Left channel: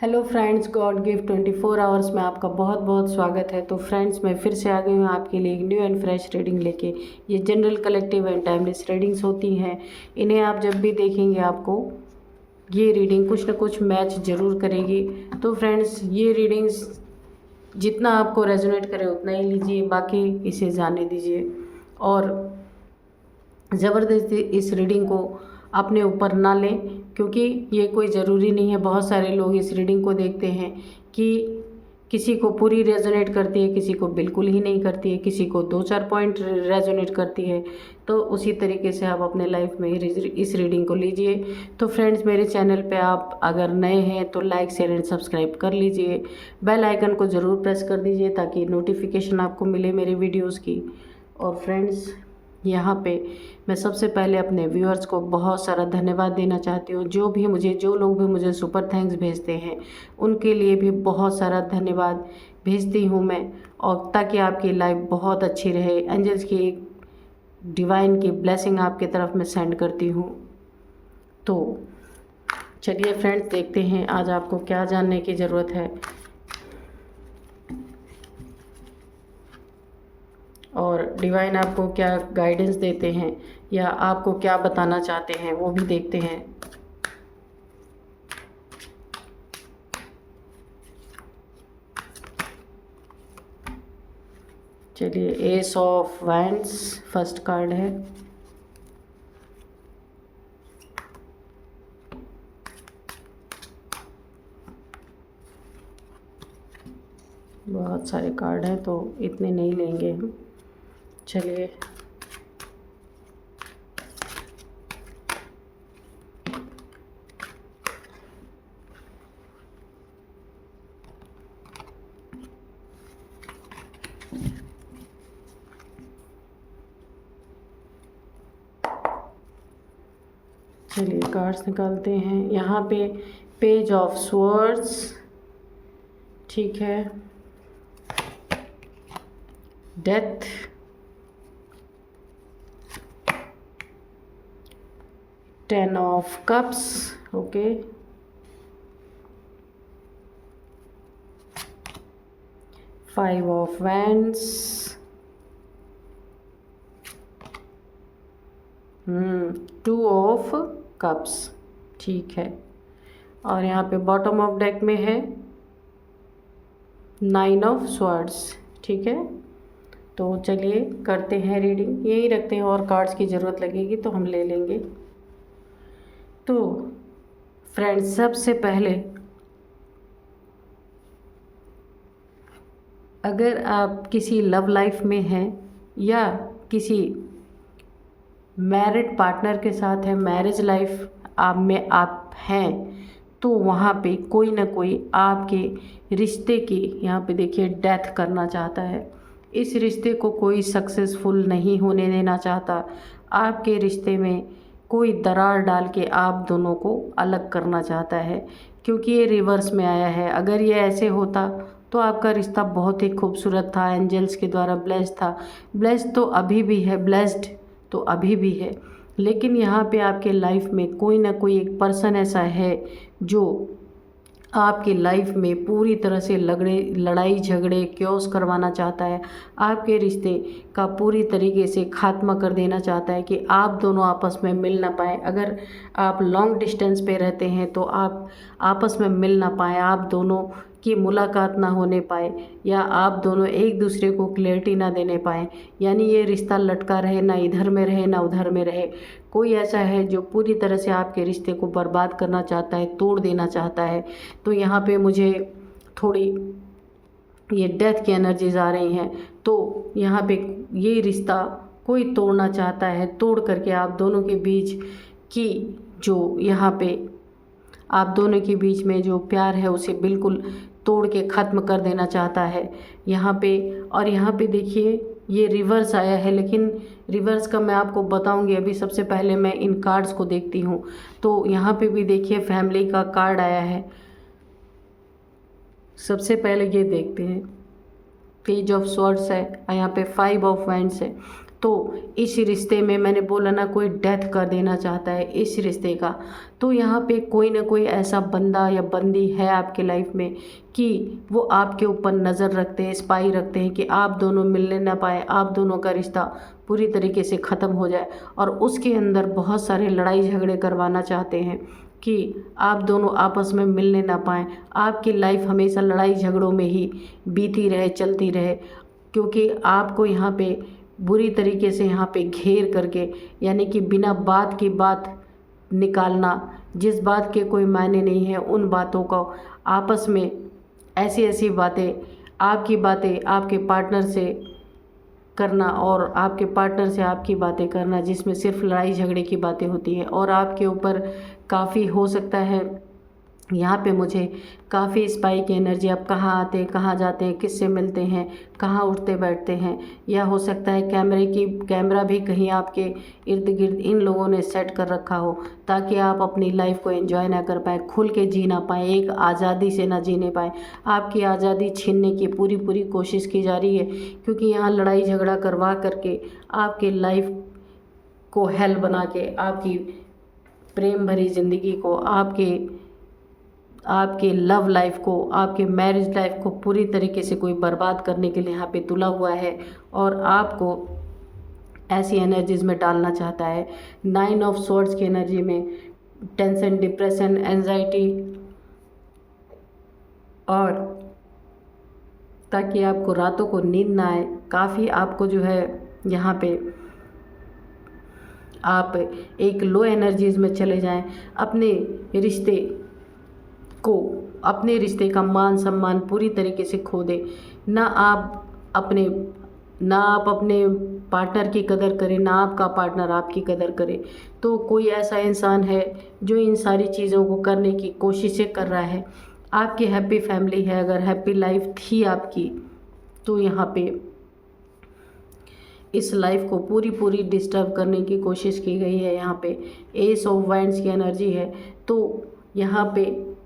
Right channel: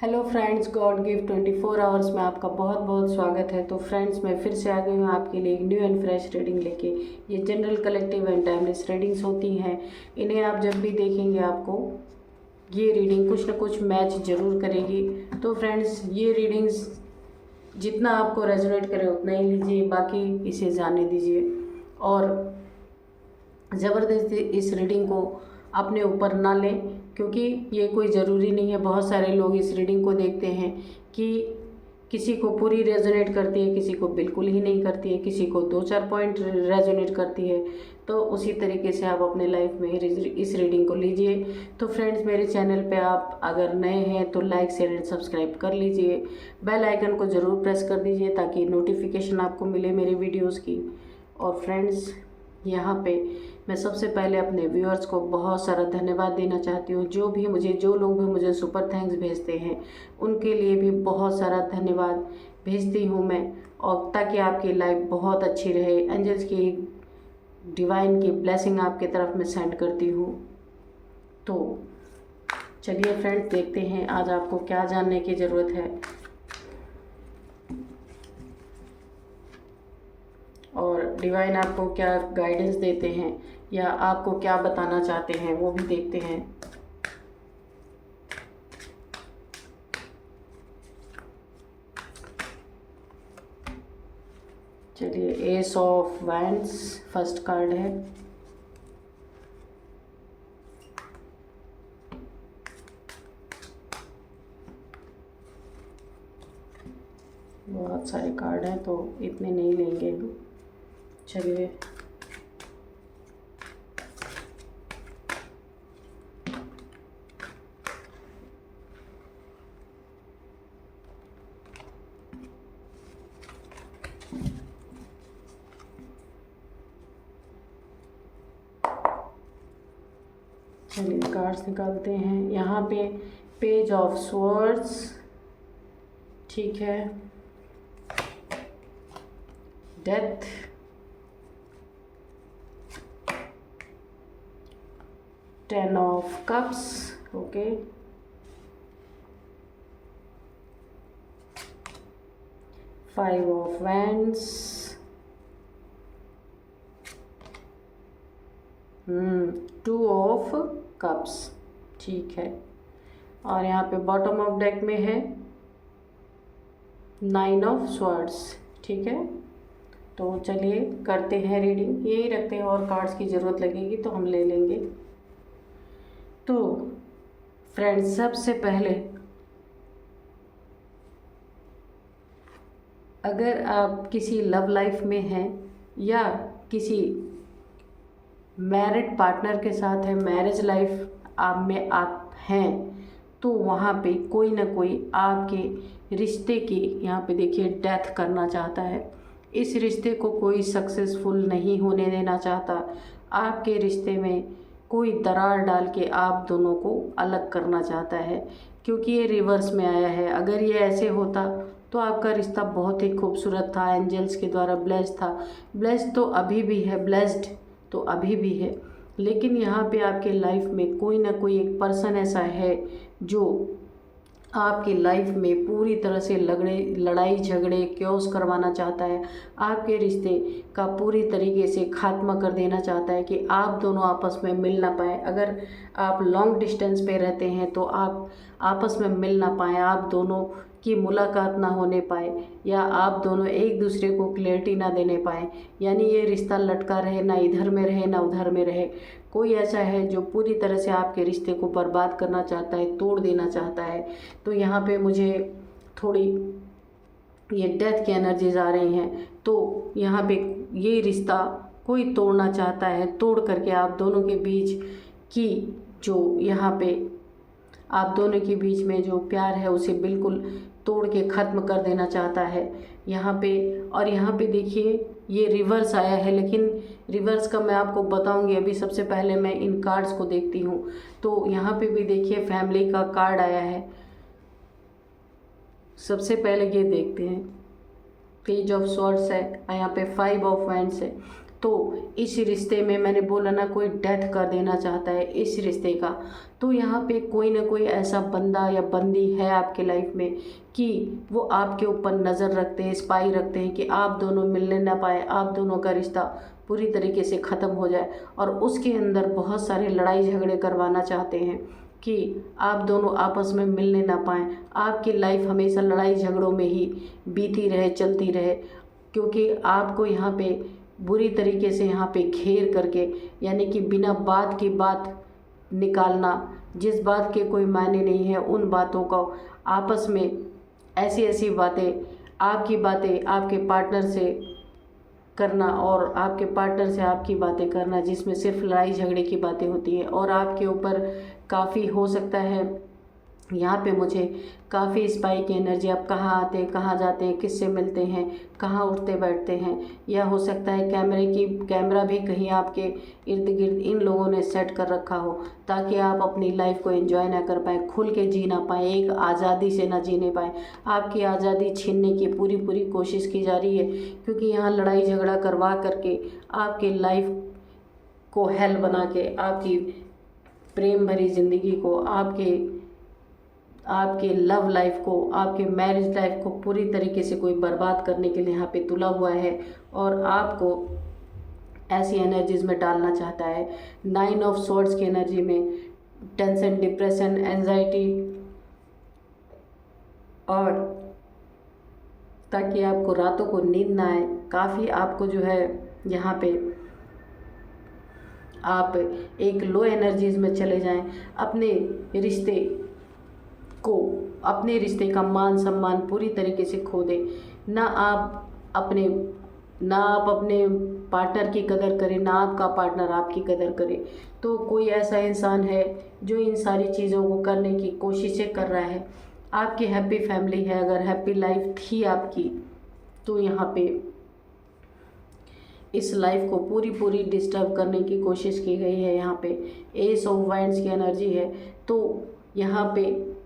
Hello friends, God give 24 hours में आपका बहुत बहुत स्वागत है। तो फ्रेंड्स, मैं फिर से आ गई हूँ आपके लिए एक न्यू एंड फ्रेश रीडिंग लेके। ये general, collective and timeless readings होती हैं। इन्हें आप जब भी देखेंगे आपको ये रीडिंग कुछ ना कुछ मैच ज़रूर करेगी। तो फ्रेंड्स, ये रीडिंग्स जितना आपको रेजोनेट करे उतना ही लीजिए, बाकी इसे जाने दीजिए। और ज़बरदस्ती इस रीडिंग को अपने ऊपर ना लें, क्योंकि ये कोई ज़रूरी नहीं है। बहुत सारे लोग इस रीडिंग को देखते हैं कि किसी को पूरी रेजोनेट करती है, किसी को बिल्कुल ही नहीं करती है, किसी को 2-4 पॉइंट रेजोनेट करती है। तो उसी तरीके से आप अपने लाइफ में इस रीडिंग को लीजिए। तो फ्रेंड्स, मेरे चैनल पे आप अगर नए हैं तो लाइक, शेयर एंड सब्सक्राइब कर लीजिए। बेल आइकन को ज़रूर प्रेस कर दीजिए ताकि नोटिफिकेशन आपको मिले मेरे वीडियोज़ की। और फ्रेंड्स, यहाँ पे मैं सबसे पहले अपने व्यूअर्स को बहुत सारा धन्यवाद देना चाहती हूँ। जो लोग भी मुझे सुपर थैंक्स भेजते हैं, उनके लिए भी बहुत सारा धन्यवाद भेजती हूँ मैं। और ताकि आपकी लाइफ बहुत अच्छी रहे, एंजल्स की डिवाइन की ब्लेसिंग आपके तरफ मैं सेंड करती हूँ। तो चलिए फ्रेंड्स, देखते हैं आज आपको क्या जानने की ज़रूरत है और डिवाइन आपको क्या गाइडेंस देते हैं या आपको क्या बताना चाहते हैं, वो भी देखते हैं। चलिए, S of wands first card है। बहुत सारे कार्ड हैं तो इतने नहीं लेंगे हम। चलिए, कार्ड्स निकालते हैं। यहाँ पे पेज ऑफ स्वॉर्ड्स, ठीक है, death, ten of cups, okay, five of wands, two of cups, ठीक है। और यहाँ पे बॉटम ऑफ डेक में है नाइन ऑफ स्वॉर्ड्स, ठीक है। तो चलिए करते हैं रीडिंग, यही रखते हैं, और कार्ड्स की ज़रूरत लगेगी तो हम ले लेंगे। तो फ्रेंड्स, सबसे पहले अगर आप किसी लव लाइफ में हैं या किसी मैरिड पार्टनर के साथ है, मैरिज लाइफ आप हैं, तो वहाँ पे कोई ना कोई आपके रिश्ते की, यहाँ पे देखिए, डेथ करना चाहता है। इस रिश्ते को कोई सक्सेसफुल नहीं होने देना चाहता। आपके रिश्ते में कोई दरार डाल के आप दोनों को अलग करना चाहता है, क्योंकि ये रिवर्स में आया है। अगर ये ऐसे होता तो आपका रिश्ता बहुत ही खूबसूरत था, एंजल्स के द्वारा ब्लेस्ड था। ब्लेस्ड तो अभी भी है, ब्लेस्ड तो अभी भी है, लेकिन यहाँ पे आपके लाइफ में कोई ना कोई एक पर्सन ऐसा है जो आपकी लाइफ में पूरी तरह से लड़ाई झगड़े क्योस करवाना चाहता है। आपके रिश्ते का पूरी तरीके से खात्मा कर देना चाहता है कि आप दोनों आपस में मिल ना पाए। अगर आप लॉन्ग डिस्टेंस पे रहते हैं तो आप आपस में मिल ना पाए, आप दोनों की मुलाकात ना होने पाए, या आप दोनों एक दूसरे को क्लैरिटी ना देने पाए। यानी ये रिश्ता लटका रहे, ना इधर में रहे ना उधर में रहे। कोई ऐसा है जो पूरी तरह से आपके रिश्ते को बर्बाद करना चाहता है, तोड़ देना चाहता है। तो यहाँ पे मुझे थोड़ी ये डेथ की एनर्जीज आ रही हैं। तो यहाँ पे ये रिश्ता कोई तोड़ना चाहता है, तोड़ करके आप दोनों के बीच की जो यहाँ पे आप दोनों के बीच में जो प्यार है उसे बिल्कुल तोड़ के ख़त्म कर देना चाहता है यहाँ पे। और यहाँ पे देखिए, ये रिवर्स आया है, लेकिन रिवर्स का मैं आपको बताऊंगी। अभी सबसे पहले मैं इन कार्ड्स को देखती हूँ। तो यहाँ पे भी देखिए, फैमिली का कार्ड आया है। सबसे पहले ये देखते हैं, पेज ऑफ स्वॉर्ड्स है, यहाँ पे फाइव ऑफ वैंड्स है। तो इस रिश्ते में मैंने बोला ना, कोई डेथ कर देना चाहता है इस रिश्ते का। तो यहाँ पे कोई ना कोई ऐसा बंदा या बंदी है आपके लाइफ में कि वो आपके ऊपर नज़र रखते हैं, स्पाई रखते हैं कि आप दोनों मिलने ना पाए, आप दोनों का रिश्ता पूरी तरीके से ख़त्म हो जाए। और उसके अंदर बहुत सारे लड़ाई झगड़े करवाना चाहते हैं कि आप दोनों आपस में मिलने ना पाएँ, आपकी लाइफ हमेशा लड़ाई झगड़ों में ही बीती रहे, चलती रहे। क्योंकि आपको यहाँ पे बुरी तरीके से यहाँ पे घेर करके, यानी कि बिना बात की बात निकालना, जिस बात के कोई मायने नहीं है, उन बातों को आपस में ऐसी ऐसी बातें, आपकी बातें आपके पार्टनर से करना और आपके पार्टनर से आपकी बातें करना, जिसमें सिर्फ लड़ाई झगड़े की बातें होती हैं। और आपके ऊपर काफ़ी हो सकता है यहाँ पे मुझे काफ़ी स्पाई की एनर्जी, आप कहाँ आते हैं, कहाँ जाते हैं, किससे मिलते हैं, कहाँ उठते बैठते हैं, या हो सकता है कैमरा भी कहीं आपके इर्द गिर्द इन लोगों ने सेट कर रखा हो, ताकि आप अपनी लाइफ को एंजॉय ना कर पाए, खुल के जी ना पाए, एक आज़ादी से ना जीने पाए। आपकी आज़ादी छीनने की पूरी पूरी कोशिश की जा रही है, क्योंकि यहाँ लड़ाई झगड़ा करवा करके आपके लाइफ को हेल बना के, आपकी प्रेम भरी ज़िंदगी को, आपके लव लाइफ को, आपके मैरिज लाइफ को पूरी तरीके से कोई बर्बाद करने के लिए यहाँ पे तुला हुआ है और आपको ऐसी एनर्जीज में डालना चाहता है। 9 ऑफ स्वॉर्ड्स की एनर्जी में टेंशन, डिप्रेशन, एंजाइटी, और ताकि आपको रातों को नींद ना आए। काफ़ी आपको जो है यहाँ पे आप एक लो एनर्जीज में चले जाएं, अपने रिश्ते का मान सम्मान पूरी तरीके से खो दे। ना आप अपने पार्टनर की कदर करें, ना आपका पार्टनर आपकी कदर करे। तो कोई ऐसा इंसान है जो इन सारी चीज़ों को करने की कोशिशें कर रहा है। आपकी हैप्पी फैमिली है, अगर हैप्पी लाइफ थी आपकी, तो यहाँ पे इस लाइफ को पूरी पूरी डिस्टर्ब करने की कोशिश की गई है। यहाँ पे एस ऑफ वाइंड्स की एनर्जी है। तो यहाँ पे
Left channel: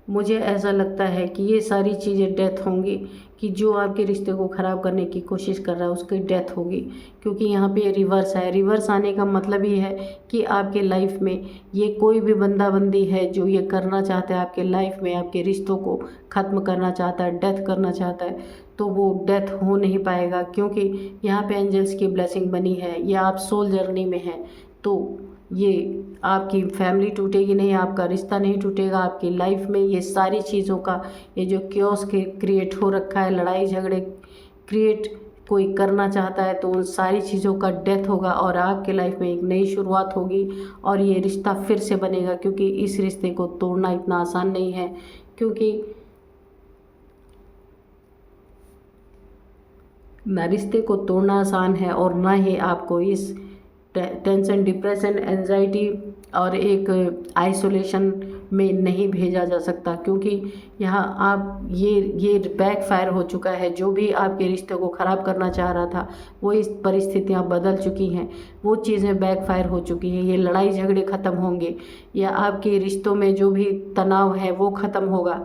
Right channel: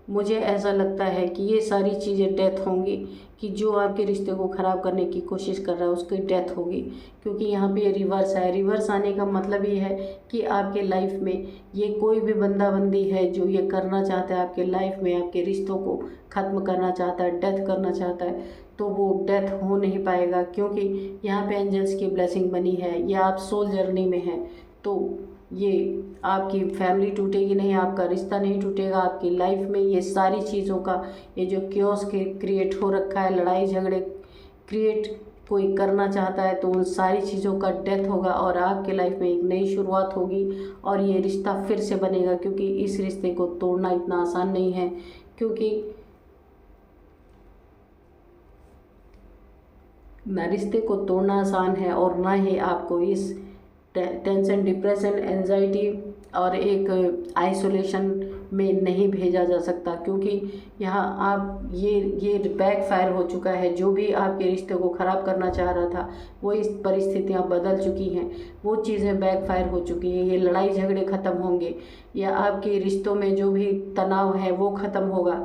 मुझे ऐसा लगता है कि ये सारी चीज़ें डेथ होंगी, कि जो आपके रिश्ते को ख़राब करने की कोशिश कर रहा है उसकी डेथ होगी। क्योंकि यहाँ पे रिवर्स है। रिवर्स आने का मतलब ये है कि आपके लाइफ में ये कोई भी बंदा बंदी है जो ये करना चाहता है, आपके लाइफ में आपके रिश्तों को ख़त्म करना चाहता है, डेथ करना चाहता है, तो वो डेथ हो नहीं पाएगा। क्योंकि यहाँ पे एंजल्स की ब्लेसिंग बनी है, या आप सोल जर्नी में हैं, तो ये आपकी फैमिली टूटेगी नहीं, आपका रिश्ता नहीं टूटेगा। आपकी लाइफ में ये सारी चीज़ों का, ये जो क्योस क्रिएट हो रखा है, लड़ाई झगड़े क्रिएट कोई करना चाहता है, तो उन सारी चीज़ों का डेथ होगा और आपके लाइफ में एक नई शुरुआत होगी और ये रिश्ता फिर से बनेगा। क्योंकि इस रिश्ते को तोड़ना इतना आसान नहीं है, क्योंकि ना रिश्ते को तोड़ना आसान है और ना ही आपको इस टेंशन, डिप्रेशन, एंजाइटी और एक आइसोलेशन में नहीं भेजा जा सकता। क्योंकि यहाँ आप ये बैकफायर हो चुका है। जो भी आपके रिश्ते को ख़राब करना चाह रहा था, वो इस परिस्थितियाँ बदल चुकी हैं, वो चीज़ें बैकफायर हो चुकी हैं। ये लड़ाई झगड़े ख़त्म होंगे, या आपके रिश्तों में जो भी तनाव है वो ख़त्म होगा,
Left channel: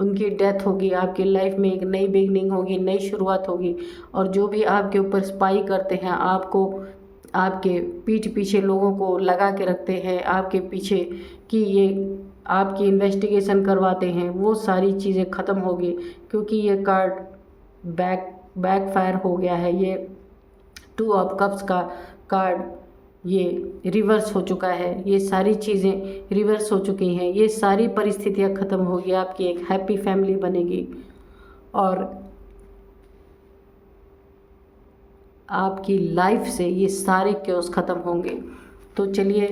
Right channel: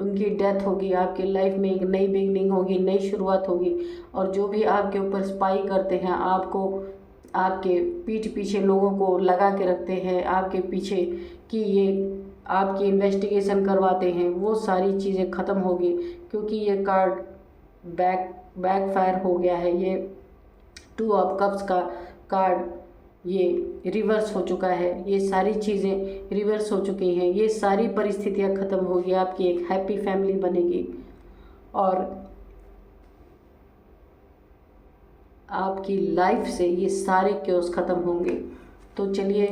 उनकी डेथ होगी। आपकी लाइफ में एक नई बिगनिंग होगी, नई शुरुआत होगी। और जो भी आपके ऊपर स्पाई करते हैं, आपको आपके पीठ पीछे लोगों को लगा के रखते हैं, आपके पीछे कि ये आपकी इन्वेस्टिगेशन करवाते हैं, वो सारी चीज़ें ख़त्म होगी। क्योंकि ये कार्ड बैकफायर हो गया है। ये 2 ऑफ कप्स का कार्ड ये रिवर्स हो चुका है। ये सारी चीज़ें रिवर्स हो चुकी हैं। ये सारी परिस्थितियाँ ख़त्म होगी, आपकी एक हैप्पी फैमिली बनेगी और आपकी लाइफ से ये सारे क्योस ख़त्म होंगे। तो चलिए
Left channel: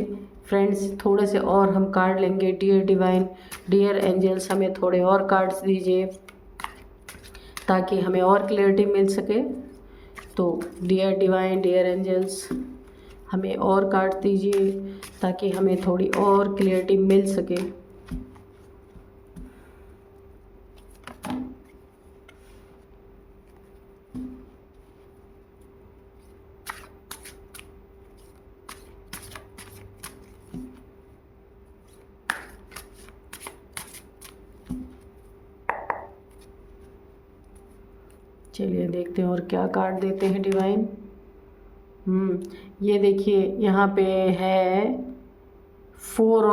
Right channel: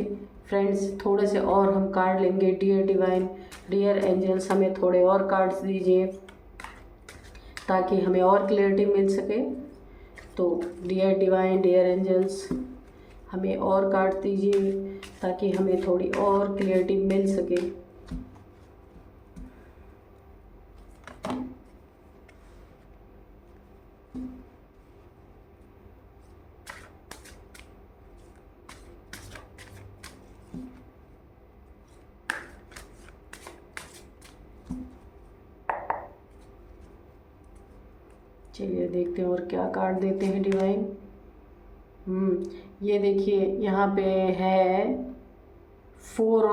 फ्रेंड्स, थोड़े से और हम कार्ड लेंगे। डियर डिवाइन, डियर एंजल्स, हमें थोड़े और कार्ड्स दीजिए ताकि हमें और क्लैरिटी मिल सके। तो डियर डिवाइन, डियर एंजल्स, हमें और कार्ड दीजिए ताकि हमें थोड़ी और क्लैरिटी मिल सके। चलिए देखते हैं और क्या कार्ड देते हैं डिवाइन। ये देखिए यहाँ पे है फोर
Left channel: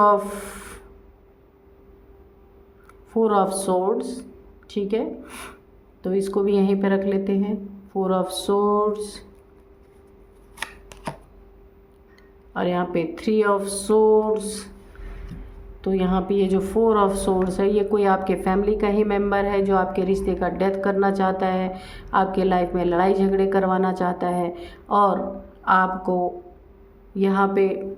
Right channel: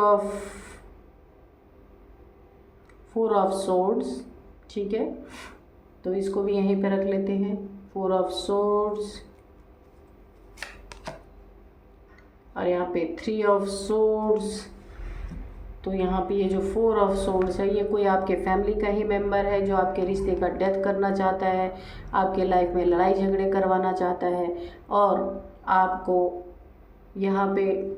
ऑफ सोर्ड्स, ठीक है। तो इसको भी यहीं पे रख लेते हैं, 4 ऑफ सोर्ड्स, और यहाँ पे 3 ऑफ सोर्ड्स। तो यहाँ पे ये जो 4 ऑफ सोर्ड्स है, ये कोई आपके फैमिली का ही मेंबर है जो आपके रिश्ते का डेथ करना चाहता है, आपके लाइफ में लड़ाई झगड़े करवाना चाहता है, और आपको यहाँ पे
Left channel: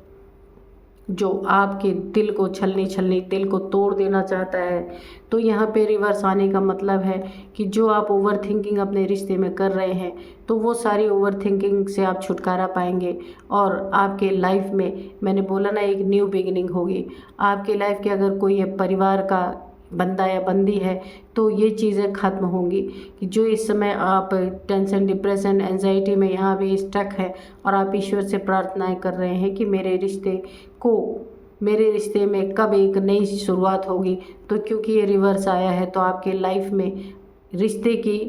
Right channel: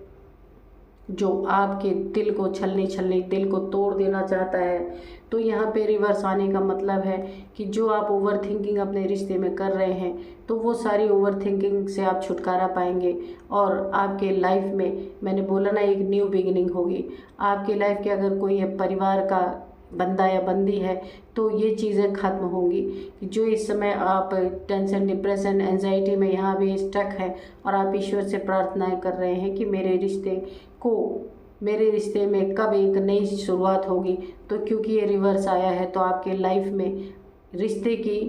जो आपके दिल को छलनी दिल को तोड़ देना चाहता है। तो यहाँ पे रिवर्स आने का मतलब है कि जो आप ओवर थिंकिंग अपने रिश्ते में कर रहे हैं, तो वो सारी ओवर थिंकिंग से आप छुटकारा पाएंगे, और आपके लाइफ में, मैंने बोला ना, एक न्यू बिगिनिंग होगी। आपके लाइफ के अगर कोई परिवार का बंदा या बंदी है, तो ये चीज़ें ख़त्म होंगी कि जो इस समय आप टेंशन, डिप्रेशन, एंजाइटी में यहाँ भी स्टक है, और आप ईश्वर से प्रार्थनाएं कर रहे हैं कि मेरे रिश्ते में कब एक नई शुरुआत होगी। तो क्योंकि ये रिवर्स आया है, तो आपके लाइफ में रिश्ते की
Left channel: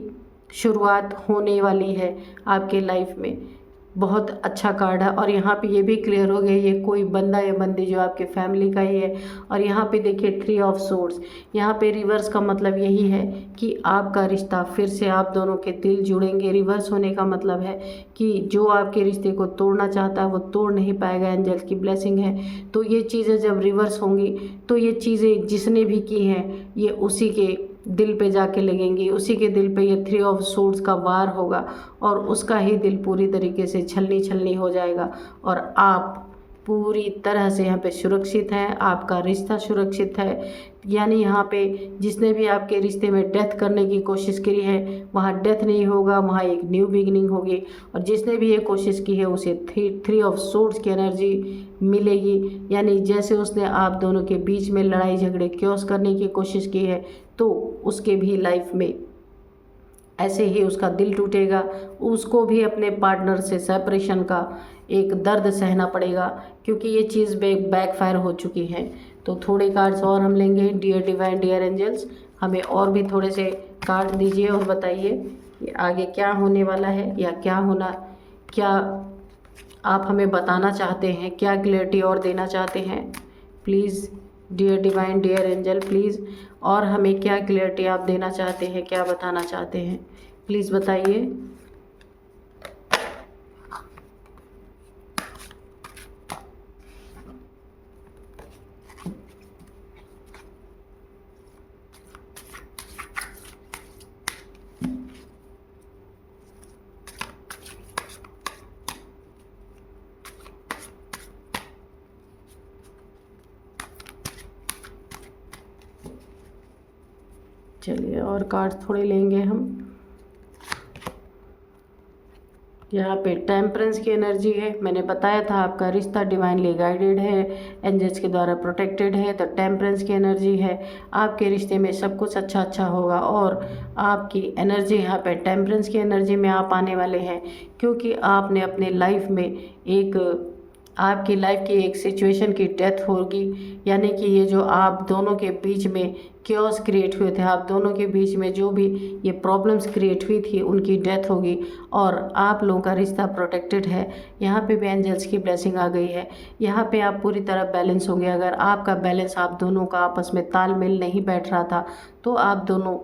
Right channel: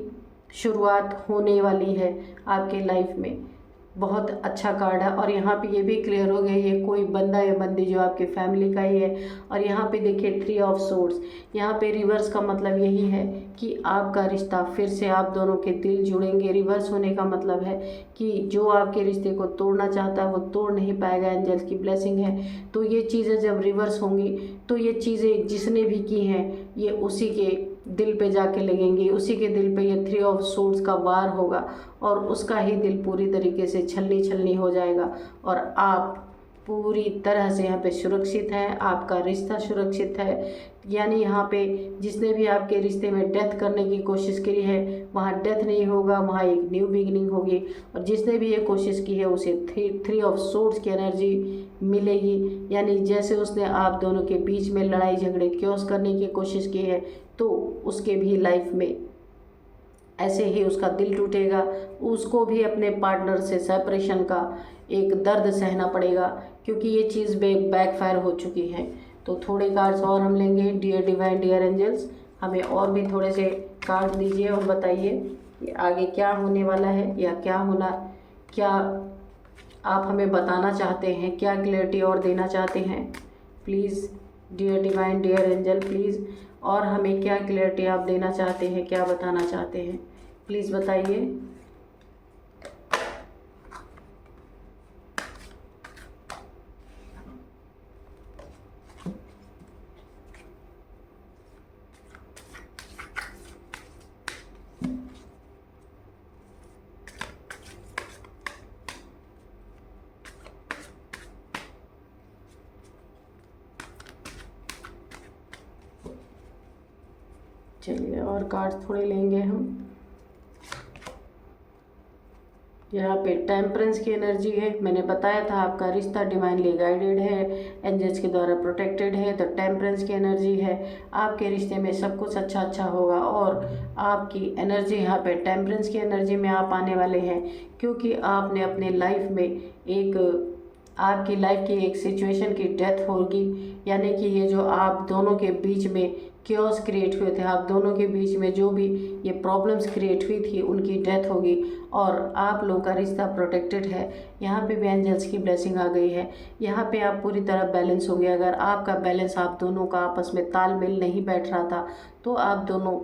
शुरुआत होने वाली है। आपके लाइफ में बहुत अच्छा कार्ड है, और यहाँ पे ये भी क्लियर हो गया, ये कोई बंदा या बंदी जो आपके फैमिली का ही है। और यहाँ पे देखिए 3 ऑफ सोर्ड्स, यहाँ पे रिवर्स का मतलब यही है कि आपका रिश्ता फिर से, आप दोनों के दिल जुड़ेंगे। रिवर्स होने का मतलब है कि जो आपके रिश्ते को तोड़ना चाहता है वो तोड़ नहीं पाएगा, एंजल्स की ब्लेसिंग है। तो ये चीज़ें जब रिवर्स होंगी, तो ये चीज़ें जिसने भी की हैं, ये उसी के दिल पे जाके लगेंगी, उसी के दिल पे ये 3 ऑफ सोर्ड्स का वार होगा, और उसका ही दिल पूरी तरीके से छलनी हो जाएगा, और आप पूरी तरह से यहाँ पे सुरक्षित हैं, आपका रिश्ता सुरक्षित है। यानी यहाँ पे जिसने भी आपके रिश्ते में डेथ करने की कोशिश करी है, वहाँ डेथ नहीं होगा, वहाँ एक न्यू बिगिनिंग होगी। और जिसने भी ये कोशिश की है, उसे 3 ऑफ सोर्ड्स की एनर्जी मिलेगी। यानी जैसे उसने आप दोनों के बीच में लड़ाई झगड़े क्योस करने की कोशिश की है, तो उसके भी लाइफ में ऐसे ही उसका दिल टूटेगा, उसको भी अपने पार्टनर से सेपरेशन का एक दर्द सहना पड़ेगा, क्योंकि ये चीज़ बैकफायर हो चुकी है। तो थोड़े कार्ड्स और हम लेंगे। डियर डिवाइन, डियर एंजल्स, हमें और भी थोड़े से कार्ड दीजिए और बताइए कि आगे क्या होने वाला है, या क्या आप हमें बताना चाहते हैं, क्या क्लैरिटी और देना चाहते हैं। Please dear divine, dear angel, please, और हमें क्या क्लैरिटी आप देना चाहते हैं, क्या बताना चाहते हैं, प्लीज़ बताइए। चलिए और कार्ड थोड़े लेंगे हम। यहाँ पे टेम्परेंस की एनर्जी है। मैंने बताया था आपका रिश्ता डिवाइनली गाइडेड है, एंजल्स के द्वारा प्रोटेक्टेड है। तो टेम्परेंस की एनर्जी है, आपके रिश्ते में सब कुछ अच्छा होगा, और आपकी एनर्जी यहाँ पे टेम्परेंस की एनर्जी में आप आने वाले हैं, क्योंकि आपने अपने लाइफ में आपकी लाइफ की एक सिचुएशन की डेथ होगी। यानी कि ये जो आप दोनों के बीच में क्योस क्रिएट हुए थे, आप दोनों के बीच में जो भी ये प्रॉब्लम्स क्रिएट हुई थी, उनकी डेथ होगी, और आप लोगों का रिश्ता प्रोटेक्टेड है। यहाँ पे भी एंजल्स की ब्लेसिंग आ गई है। यहाँ पे आप पूरी तरह बैलेंस होंगे। अगर आपका बैलेंस, आप दोनों का आपस में तालमेल नहीं बैठ रहा था, तो आप दोनों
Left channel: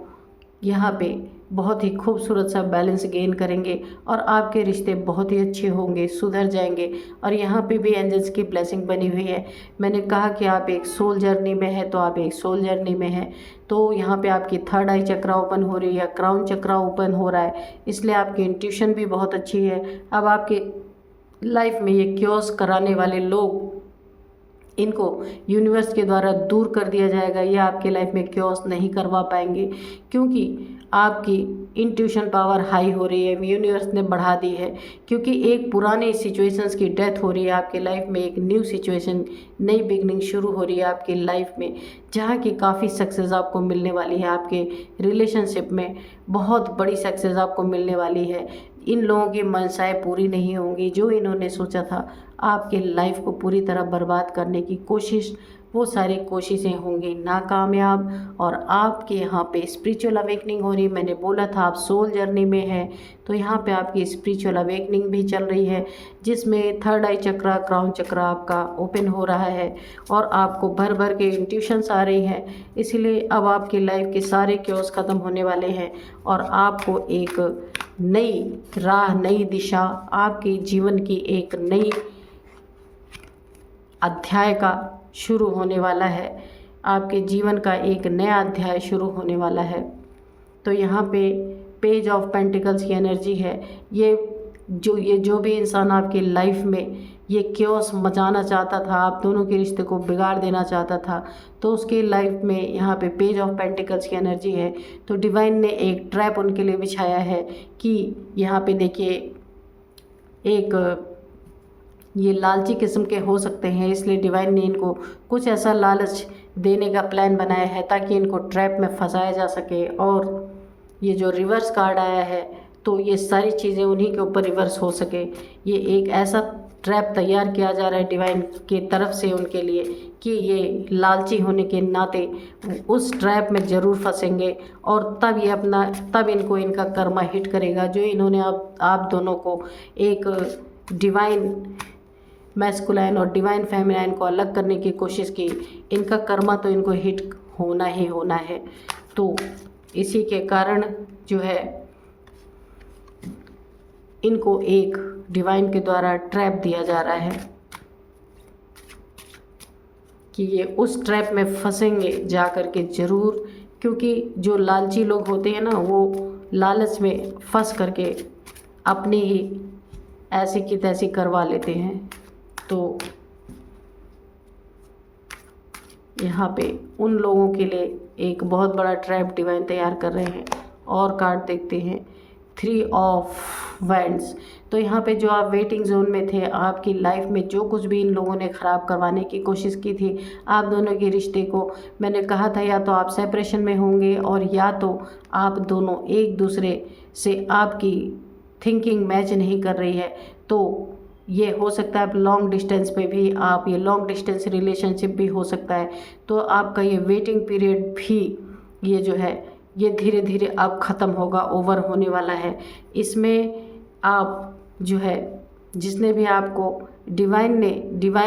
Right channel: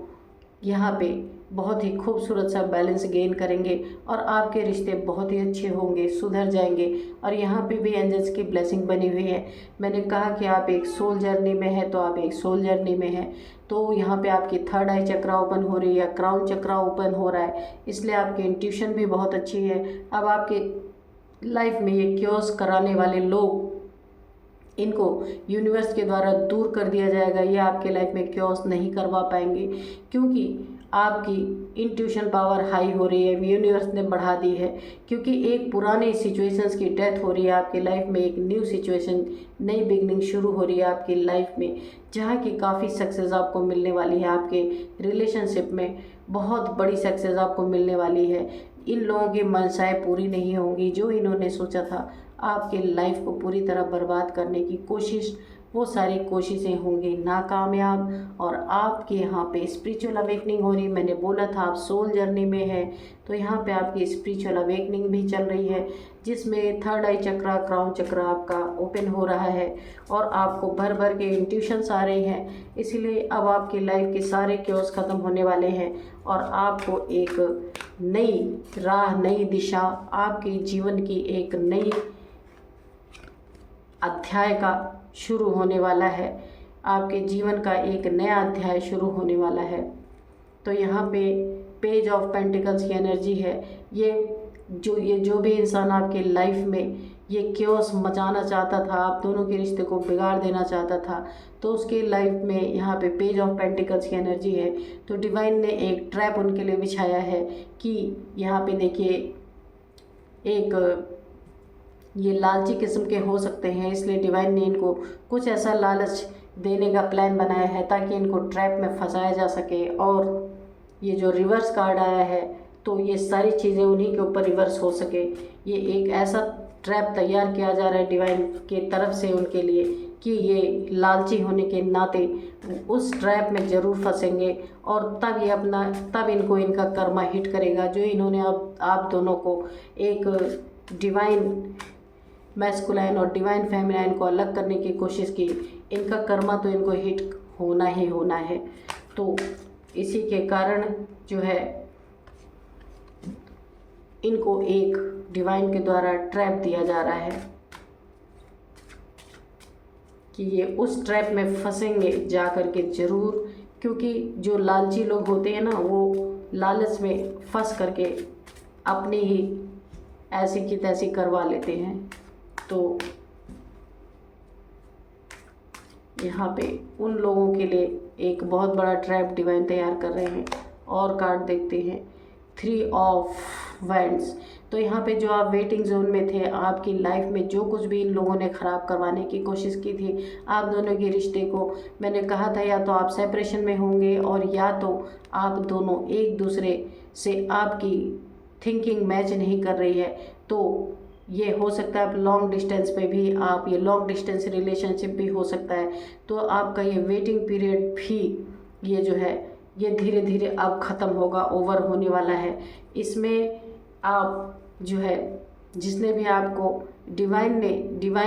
यहाँ पे बहुत ही खूबसूरत सा बैलेंस गेन करेंगे, और आपके रिश्ते बहुत ही अच्छे होंगे, सुधर जाएंगे। और यहाँ पे भी एंजल्स की ब्लेसिंग बनी हुई है। मैंने कहा कि आप एक सोल जर्नी में है, तो आप एक सोल जर्नी में हैं। तो यहाँ पे आपकी थर्ड आई चक्रा ओपन हो रही है, क्राउन चक्रा ओपन हो रहा है, इसलिए आपकी इंट्यूशन भी बहुत अच्छी है। अब आपके लाइफ में ये क्योस कराने वाले लोग, इनको यूनिवर्स के द्वारा दूर कर दिया जाएगा। ये आपके लाइफ में क्योस नहीं करवा पाएंगे, क्योंकि आपकी इंट्यूशन पावर हाई हो रही है, यूनिवर्स ने बढ़ा दी है। क्योंकि एक पुराने सिचुएशंस की डेथ हो रही है आपके लाइफ में, एक न्यू सिचुएशन, नई बिगनिंग शुरू हो रही है आपकी लाइफ में, जहाँ की काफ़ी सक्सेस आपको मिलने वाली है। आपके रिलेशनशिप में बहुत बड़ी सक्सेस आपको मिलने वाली है। इन लोगों की मनसाएं पूरी नहीं होंगी। जो इन्होंने सोचा था आपके लाइफ को पूरी तरह बर्बाद करने की कोशिश, वो सारी कोशिशें होंगी नाकामयाब और आपके यहाँ पे स्पिरिचुअल अवेकनिंग हो रही। मैंने बोला था आप सोल जर्नी में हैं, तो यहाँ पे आपकी स्पिरिचुअल अवेकनिंग भी चल रही है, जिसमें थर्ड आई चक्रा, क्राउन चक्रा आपका ओपन हो रहा है और आपको भर भर के इंट्यूशंस आ रही हैं। इसीलिए अब आपकी लाइफ के सारे क्योस ख़त्म होने वाले हैं और आपको एक नई राह, नई दिशा, आपके जीवन की एक नई अध्याय का शुरू होने वाला है। आपके जीवन का एक नया अध्याय शुरू होने वाला है। तो यहाँ पे पेज ऑफ पेंटिकल्स की एनर्जी है। ये जो भी इंसान आपके लाइफ में ये क्योस मचाना चाहता था, आप दोनों के रिश्ते को बिगाड़ देना चाहता था, तो उसके लाइफ में यहाँ पे पेज ऑफ पेंटिकल्स की एनर्जी है। तो डिवाइन ने एक ट्रैप उनके लिए बिछाया है कि यहाँ पे देखिए एक ये लालची किस्म के हो सकते हैं, इसलिए डिवाइन ने इनको कुछ ऐसा लालच देने का प्लान बनाया है ताकि इनको ट्रैप में फंसाया जा सके। और ये जो रिवर्स कार्ड आया है, तो ये सारी चीज़ें उन्हीं के ऊपर रिवर्स हो सके। ये एक ऐसा ट्रैप तैयार किया जा रहा है डिवाइन की तरफ से उनके लिए कि ये लालची होने के नाते उस ट्रैप में ज़रूर फंसेंगे और तब इनको इनका कर्मा हिट करेगा। जो इन्होंने आप दोनों को एक डिवाइन मैस्कुलाइन और डिवाइन फेमिनाइन को अलग करने की कोशिश की, इनका कर्मा तो इनको हिट होना ही होना है। तो इसी के कारण जो है इनको एक डिवाइन के द्वारा ट्रैप दिया जा रहा है कि ये उस ट्रैप में फंसेंगे जा कर के ज़रूर, क्योंकि जो लालची लोग होते हैं ना, वो लालच में फंस करके अपनी ही ऐसी की तैसी करवा लेते हैं। तो यहाँ पे उन लोगों के लिए एक बहुत बड़ा ट्रैप डिवाइन तैयार कर रहे हैं। और कार्ड देखते हैं, 3 ऑफ वैंड्स। तो यहाँ पे जो आप वेटिंग जोन में थे, आपकी लाइफ में जो कुछ भी इन लोगों ने ख़राब करवाने की कोशिश की थी आप दोनों के रिश्ते को, मैंने कहा था या तो आप सेपरेशन में होंगे और या तो आप दोनों एक दूसरे से आपकी थिंकिंग मैच नहीं कर रही है। तो ये हो सकता है आप लॉन्ग डिस्टेंस पे भी, आप ये लॉन्ग डिस्टेंस रिलेशनशिप भी हो सकता है। तो आपका ये वेटिंग पीरियड भी ये जो है ये धीरे धीरे अब ख़त्म होगा, ओवर होने वाला है। इसमें आप जो है जिसने भी आपको डिवाइन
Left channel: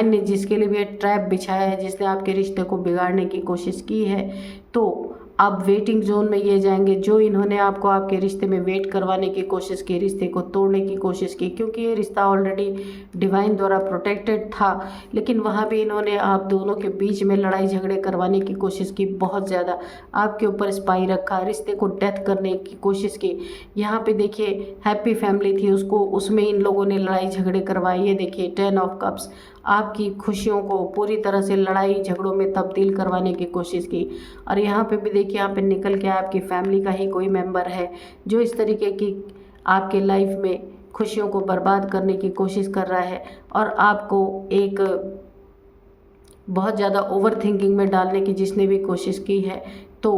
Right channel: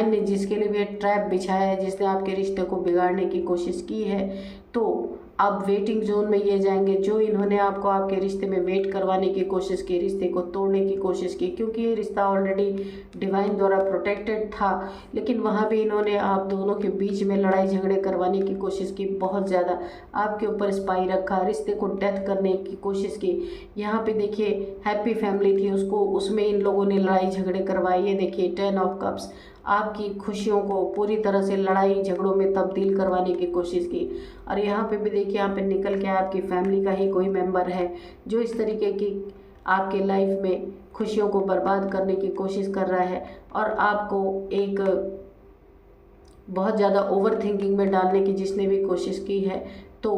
ने जिसके लिए भी ट्रैप बिछाया है, जिसने आपके रिश्ते को बिगाड़ने की कोशिश की है, तो अब वेटिंग जोन में ये जाएंगे। जो इन्होंने आपको आपके रिश्ते में वेट करवाने की कोशिश की, रिश्ते को तोड़ने की कोशिश की, क्योंकि ये रिश्ता ऑलरेडी डिवाइन द्वारा प्रोटेक्टेड था, लेकिन वहाँ भी इन्होंने आप दोनों के बीच में लड़ाई झगड़े करवाने की कोशिश की, बहुत ज़्यादा आपके ऊपर स्पाई रखा, रिश्ते को डेथ करने की कोशिश की। यहाँ पे देखिए हैप्पी फैमिली थी, उसमें इन लोगों ने लड़ाई झगड़े करवाए। ये देखिए 10 ऑफ कप्स, आपकी खुशियों को पूरी तरह से लड़ाई झगड़ों में तब्दील करवाने की कोशिश की। और यहाँ पे भी देखिए यहाँ पे निकल के आपकी फैमिली का ही कोई मेंबर है जो इस तरीके की आपके लाइफ में खुशियों को बर्बाद करने की कोशिश कर रहा है और आपको एक बहुत ज़्यादा ओवर थिंकिंग में डालने की जिसने भी कोशिश की है। तो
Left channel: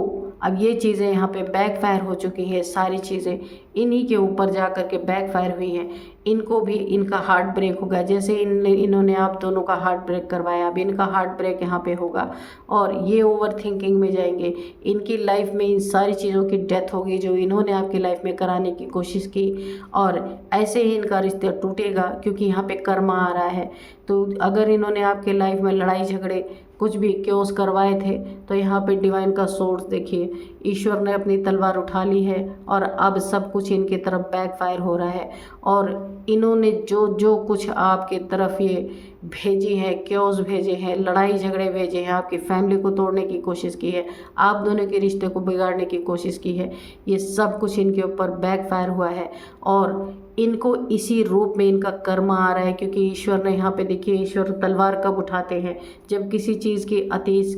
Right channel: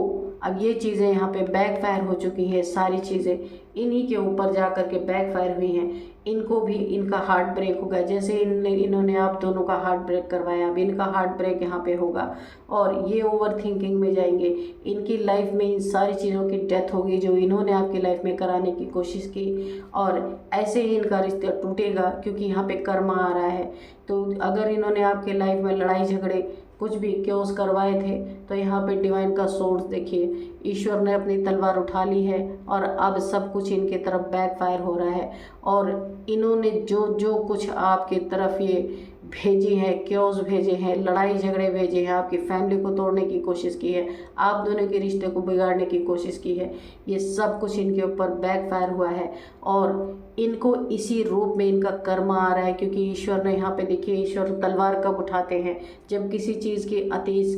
अब ये चीज़ें यहाँ पे बैकफायर हो चुकी हैं, सारी चीज़ें इन्हीं के ऊपर जा कर के बैकफायर हुई हैं। इनको भी इनका हार्ट ब्रेक होगा, जैसे इन्होंने आप दोनों का हार्ट ब्रेक करवाया, अब इनका हार्ट ब्रेक यहाँ पे होगा और ये ओवर थिंकिंग में जाएंगे। इनकी लाइफ में इन सारी चीज़ों की डेथ होगी जो इन्होंने आपकी लाइफ में कराने की कोशिश की और ऐसे ही इनका रिश्ता टूटेगा, क्योंकि यहाँ पे कर्मा आ रहा है। तो अगर इन्होंने आपके लाइफ में लड़ाई झगड़े कुछ भी क्योस करवाए थे, तो यहाँ पे डिवाइन का सोर्स देखिए, ईश्वर ने अपनी तलवार उठा ली है और अब सब कुछ इनके तरफ बैकफायर हो रहा है। और इन्होंने जो कुछ आपके तरफ ये भेजी है, क्योस भेजे हैं, लड़ाई झगड़े भेजे हैं, आपकी फैमिली को तोड़ने की कोशिश की है, आप दोनों के रिश्ते को बिगाड़ने की कोशिश की है, ये सब कुछ इनके ऊपर बैकफायर हुआ है और इनको इसी रूप में इनका कर्म आ रहा है। क्योंकि ईश्वर ने यहाँ पे देखिए, ईश्वर तलवार कब उठाते हैं, जब किसी चीज़ की अतीस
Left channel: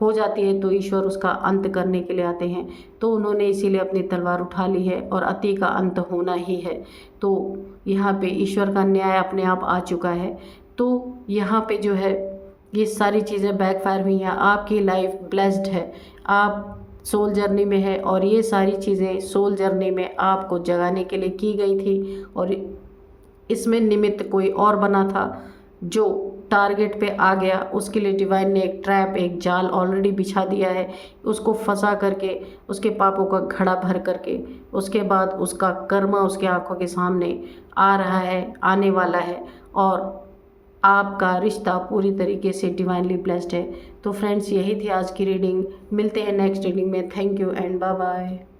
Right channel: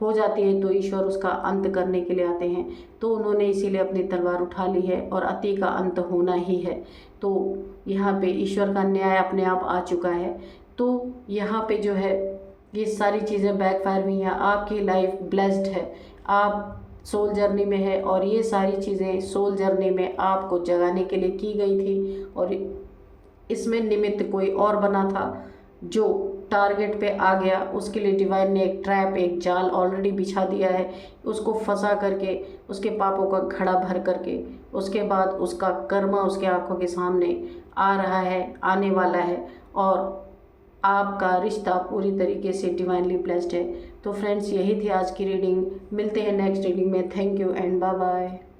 हो जाती है तो ईश्वर उसका अंत करने के लिए आते हैं। तो उन्होंने इसीलिए अपनी तलवार उठा ली है और अति का अंत होना ही है। तो यहाँ पे ईश्वर का न्याय अपने आप आ चुका है। तो यहाँ पे जो है ये सारी चीज़ें बैकफायर हुई हैं। आपकी लाइफ ब्लेस्ड है, आप सोल जर्नी में है और ये सारी चीज़ें सोल जर्नी में आपको जगाने के लिए की गई थी और इसमें निमित्त कोई और बना था जो टारगेट पे आ गया, उसके लिए डिवाइन ने एक ट्रैप, एक जाल ऑलरेडी बिछा दिया है। उसको फंसा करके, उसके पापों का घड़ा भर करके, उसके बाद उसका कर्मा उसके आंखों के सामने आ रहा है, आने वाला है, और आपका रिश्ता पूरी तरीके से डिवाइनली ब्लेस्ड है। तो फ्रेंड्स, यही थी आज की रीडिंग। मिलते हैं नेक्स्ट रीडिंग में। Thank you and bye bye.